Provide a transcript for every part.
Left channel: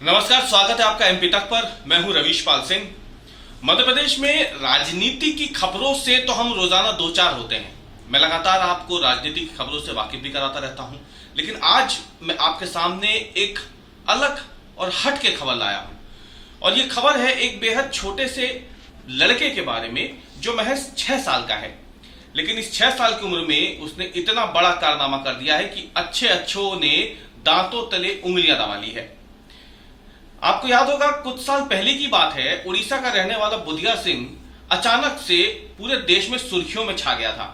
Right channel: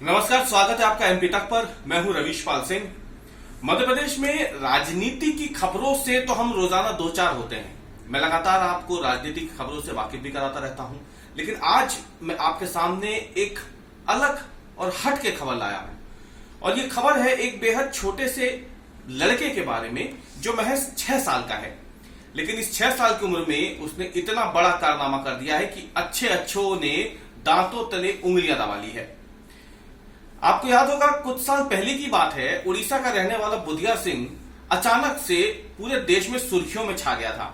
नमस्कार, स्वागत है आपका एमपी तक पर। मैं हूं रवीश पाल सिंह। मध्य प्रदेश में राजनीति की खबरों से तो हम रोजाना दो चार होते हैं। मैं लगातार आपको राजनीति की खबरों से वाकिफ भी कराता रहता हूं, लेकिन आज मैं आपके सामने एक अलग और हट के खबर लाया हूं। और ये खबर है एक बेहद छोटे से लड़के के बारे में जो महज 6 साल का है, लेकिन इस 6 साल की उम्र में उसने इतना बड़ा कारनामा कर दिया है कि अच्छे अच्छों ने दांतों तले उंगलियां दबा ली है। आपको याद होगा, कुछ साल पहले की बात है, उड़ीसा का रहने वाला बुधिया सिंह अचानक से पूरे देश में सुर्खियों में छा गया था।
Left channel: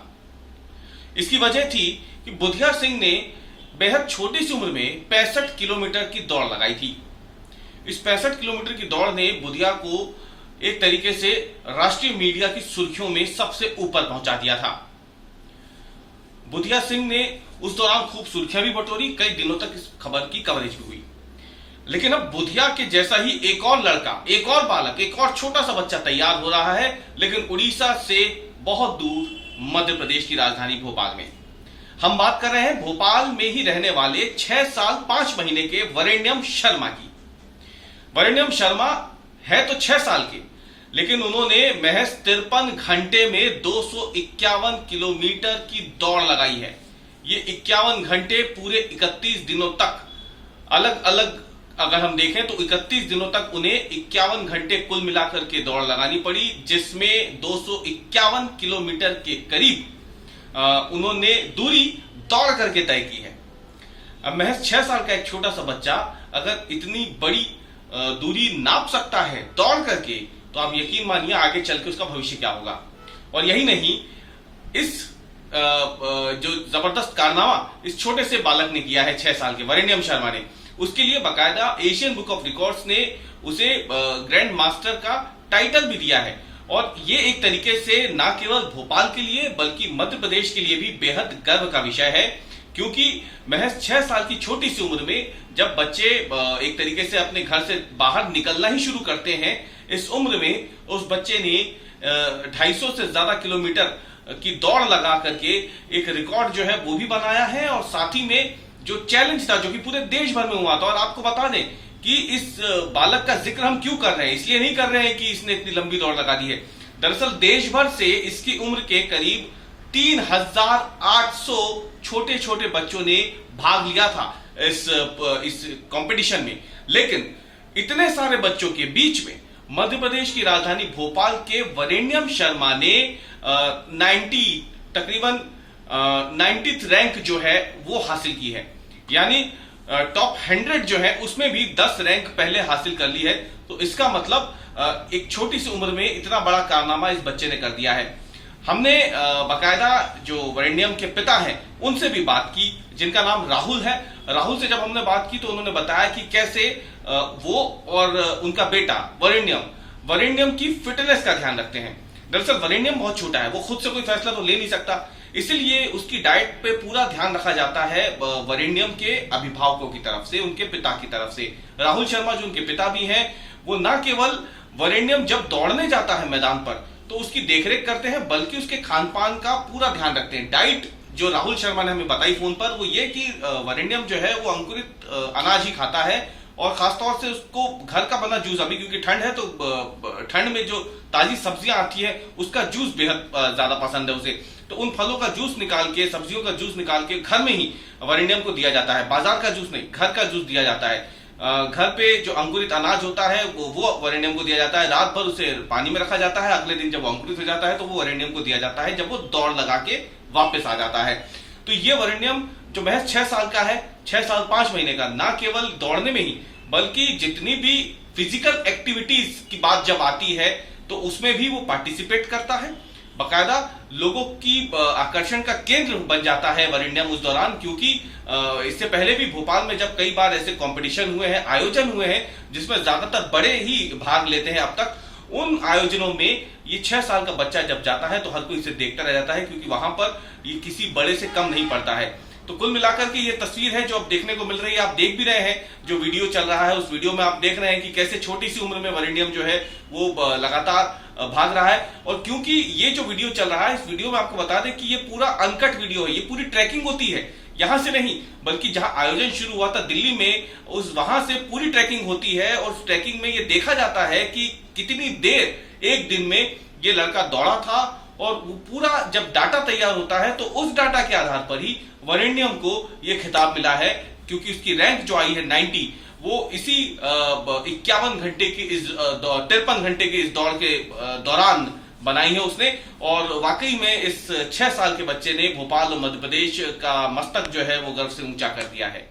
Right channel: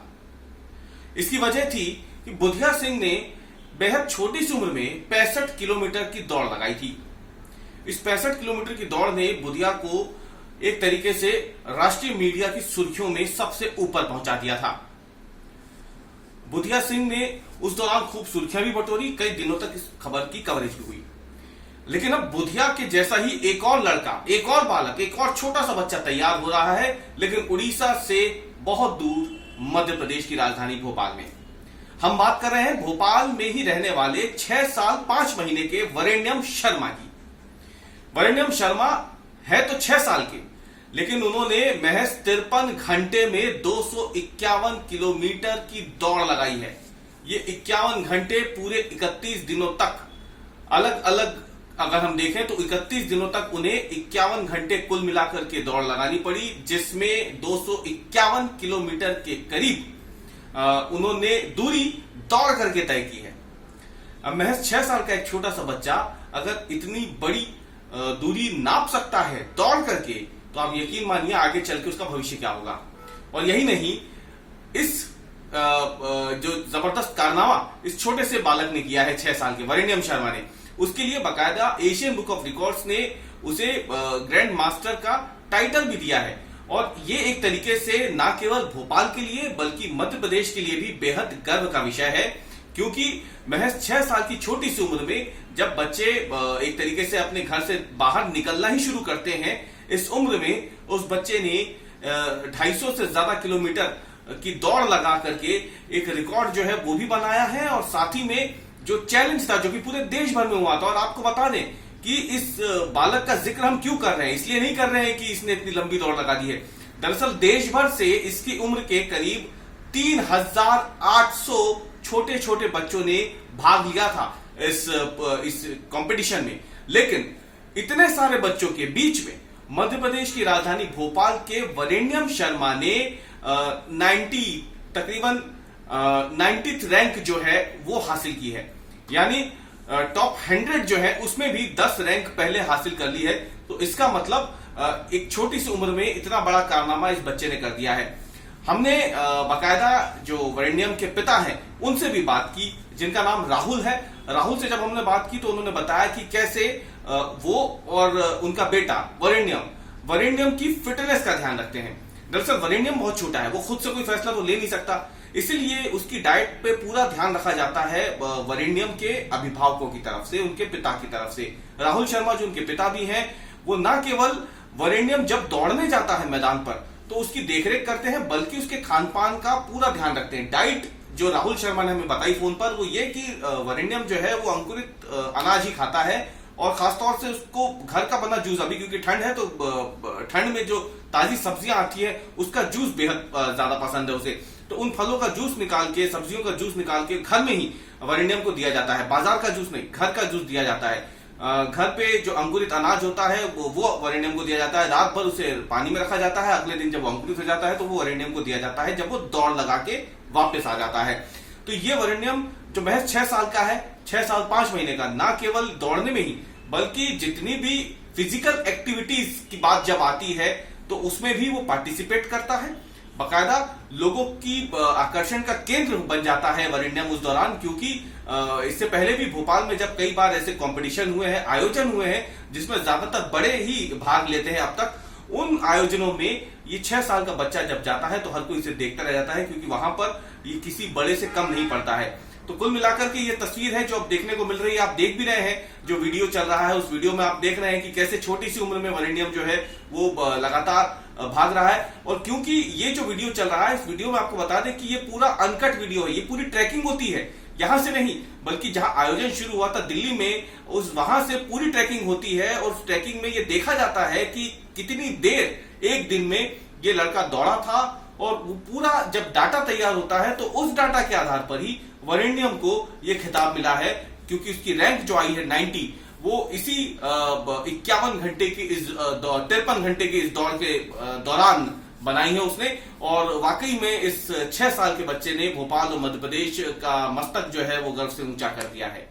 इसकी वजह थी कि बुधिया सिंह ने बेहद छोटी सी उम्र में 65 किलोमीटर की दौड़ लगाई थी। इस 65 किलोमीटर की दौड़ ने बुधिया को एक तरीके से राष्ट्रीय मीडिया की सुर्खियों में सबसे ऊपर पहुंचा दिया था। बुधिया सिंह ने उस दौरान खूब सुर्खियां भी बटोरी, कई दिनों तक इस खबर की कवरेज भी हुई। लेकिन अब बुधिया के जैसा ही एक और लड़का, एक और बालक, एक और छोटा सा बच्चा तैयार हो रहा है, लेकिन उड़ीसा से बहुत दूर मध्य प्रदेश की राजधानी भोपाल में। हम बात कर रहे हैं भोपाल में ही रहने वाले 6 साल 5 महीने के वरेण्यम शर्मा की। वरेण्यम शर्मा है तो 6 साल के, लेकिन उन्होंने महज 53 घंटे में 251 किलोमीटर की दौड़ लगाई है। ये 51 घंटे पूरे 31 दिनों तक, अलग अलग अगर हम देखें तो 31 दिनों तक उन्हें 51 घंटे कुल मिलाकर के दौड़ लगानी पड़ी, जिसमें 251 किलोमीटर के करीब उन्होंने दूरी दौड़ करके तय की है। अब महज 6 साल का एक छोटा सा बच्चा अगर इतनी बड़ी दूरी नाप सकता है दौड़ करके, तो आप यकीन मानिए आगे चल के उसका भविष्य क्या होगा। और यही नहीं, इस जो जबरदस्त कारनामा इस छोटे से बालक ने किया है 6 साल के वरेण्यम शर्मा ने, उसके लिए बाकायदा एशियन बुक ऑफ रिकॉर्ड्स ने उसे ग्रैंड मास्टर का टाइटल भी दिया है। और ये एक तरीके से न केवल भोपाल के लिए बल्कि मध्य प्रदेश के लिए भी बेहद गर्व का विषय है, क्योंकि महज 6 साल की छोटी सी उम्र में जब बच्चे एक तरीके से अपने घर से बाहर निकलना ही शुरू करते हैं, इस उम्र में उस बच्चे ने 250 से ज्यादा किलोमीटर की दौड़ लगा करके एक रिकॉर्ड जो है वो भी बनाया है। और साथ ही में जो चैलेंज था, जो कि पूरे देश भर में हुआ था, और आपको बता दें कि इस बालक का जिक्र हम क्यों कर रहे हैं, इसलिए नहीं कर रहे हैं कि इसने इतनी लंबी दौड़ लगा दी है। दरअसल देश भर से इसकी उम्र के करीब 3800 छोटे छोटे बच्चों ने भाग लिया था इस कंपटीशन में। लेकिन इतने सारे बच्चों के बीच में मध्य प्रदेश की राजधानी भोपाल के वरेण्यम शर्मा ने तकरीबन 90th रैंक जो है वो हासिल की है। यानी टॉप 100 जो है उसमें भी 10 रैंक पहले हासिल कर ली है। तो इसका मतलब एक छोटी सी उम्र में इतना बड़ा कारनामा इस बच्चे ने कर दिया है। हमने बाकायदा जो वरेण्यम के पिता हैं उनसे भी बात की, जिनका नाम राहुल है। राहुल से जब हमने बात की तो उन्होंने बताया कि कैसे वो और उनका बेटा वरेण्यम की फिटनेस का ध्यान रखते हैं। दरअसल वरेण्यम बहुत छोटा है, वो खुद से कोई फैसला तो ले नहीं सकता, इसलिए उसकी डाइट पे पूरा ध्यान रखा जाता है वरेण्यम के अभिभावकों की तरफ से, उनके पिता की तरफ से। राहुल शर्मा जो उनके पिता भी हैं, वो न केवल वरेण्यम जब दौड़ने जाता है मैदान पर तो उसकी देखरेख करते हैं, बल्कि उसके खान पान का पूरा ध्यान रखते हैं। डाइट जो राहुल शर्मा ने हमें बताई फोन पर, वो ये कि वरेण्यम जो है वो अंकुरित अनाज ही खाता है, और खासतौर से उसको घर का बना जूस, अभी क्योंकि ठंड है तो ठंड में जो ताजी सब्जियां आती है उसका जूस बेहद ज्यादा पसंद है उसे। तो उन फलों का जूस निकाल के, सब्जियों का जूस निकाल के घर में ही वरेण्यम को दिया जाता है। बाजार का जूस नहीं, घर का जूस दिया जाता है। घर पे जो अंकुरित अनाज होता है वो वरेण्यम को दिया जाता है। रात भर उसे पानी में रखा जाता है, अगले दिन जब वो अंकुरित हो जाता है तो वो वरेण्यम को दिया जाता है जब वो दौड़ लगा के वापस आ जाता है। तो ये वरेण्यम जो महज 6 साल का है, 6 साल 5 महीने का, ना केवल दौड़ने में ही बल्कि जितनी भी फिजिकल एक्टिविटीज की बात जब आती है तो उसमें भी वो पार्टिसिपेट करता है। बाकायदा लोगों की आकर्षण का केंद्र बन जाता है वरेण्यम उस दौरान, क्योंकि इससे पहले भी भोपाल में जब कई बार ऐसे कंपटीशन हुए हैं, आयोजन हुए हैं, जिसमें ज्यादातर बड़े ही भाग लेते हैं अब तक, उन आयोजनों में ये 6 साल का बच्चा जब जाता है तो हर कोई इसे देखता रह जाता है, क्योंकि वहां पर ये किसी बड़े से कम नहीं पड़ता है। तो कुल मिलाकर के ये तस्वीर है जो अब देखने को मिल रही है। आप देख भी रहे हैं, जो वीडियो चल रहा है उस वीडियो में आप देख रहे हैं कि कैसे छोटी सी उम्र में वरेण्यम जो है वो लगातार भाग रहा है। और क्योंकि ये जो वीडियो चल रहा है, इस वीडियो में आपको बता दें कि ये पूरा अनकट वीडियो है, ये पूरी ट्रैकिंग होती है। यहां से नहीं बल्कि जहां आयोजन शुरू हुआ था दिल्ली में, वहां से पूरी ट्रैकिंग होती है और उस ट्रैकिंग में यह देखा जाता है कि कितनी देर एक दिन में ये लड़का दौड़ा था। और वो पूरा जब डाटा तैयार होता है तो उस डाटा के आधार पर ही वरेण्यम को यह खिताब मिला है, क्योंकि उसकी रैंक जो आई है 90, वो इसी 51 घंटे की 53 घंटे की इस दौड़ के दौरान बनाई है उसने। और वाकई में इस 6 साल के बच्चे ने भोपाल और मध्य प्रदेश का मस्तक जो है वो गर्व से ऊंचा कर दिया है।